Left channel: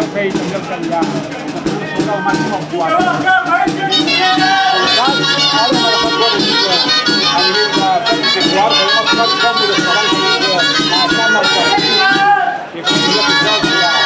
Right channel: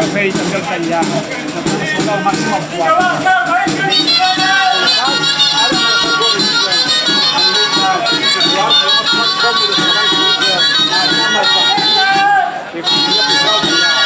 això feia també el Catllar. La primera segona al màxim al quart. Ara m'ha agafat bona mica a nivell de temps de quart, però hem estat còmodes abans d'anar al partit. I podria posar el Catllar.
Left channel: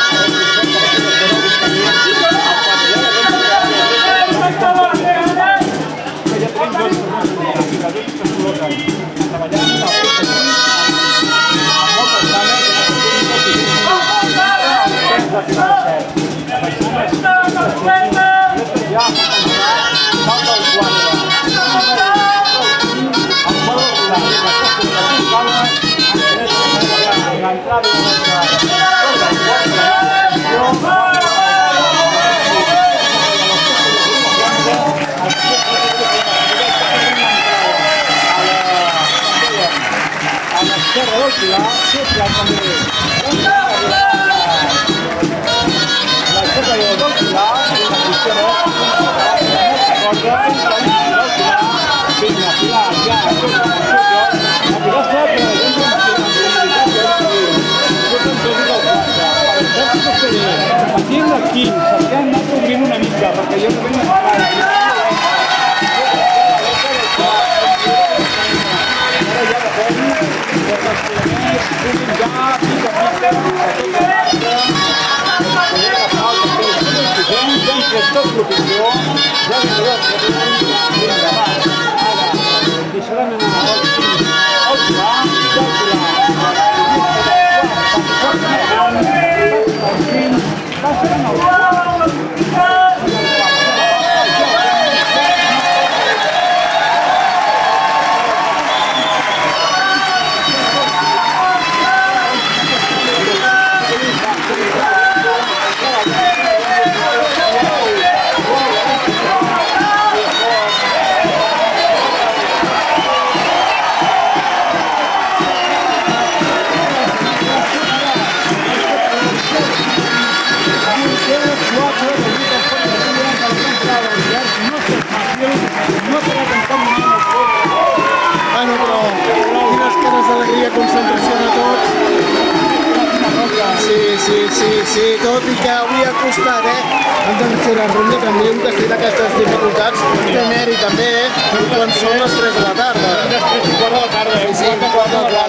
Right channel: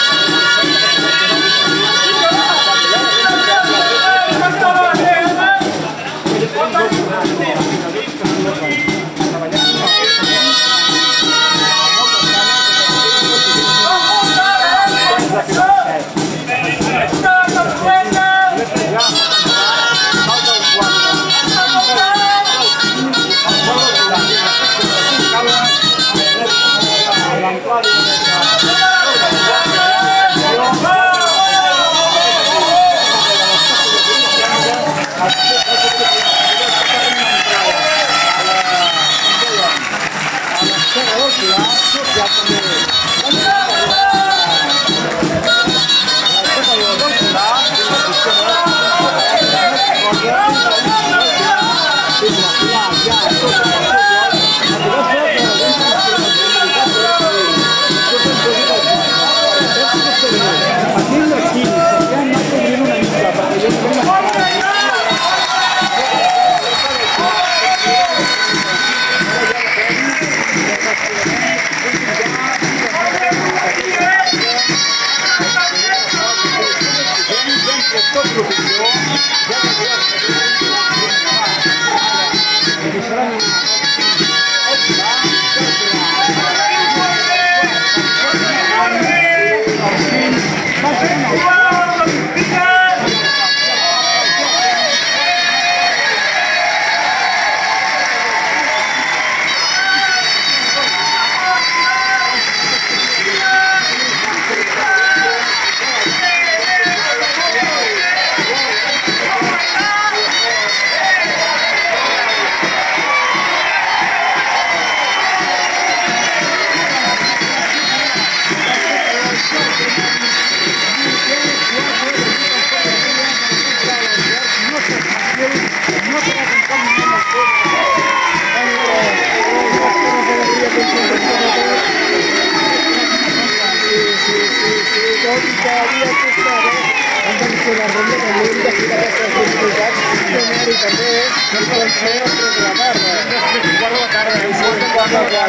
Serra del Pilar, social també. La Serra del Pilar, una piscina, aquí en l'equip s'està anat obrint una mica perquè jo no tinc tot l'opinió, ja veureu que deixaran anar al Pilar, baixen al Sí, tot i que havia costat, ens han fet la ronda també hem de fer aquestes dificultats de mèrit també, quan són les 3 de la tarda. Les 3 i quart de la tarda, I sí, 4 de 4.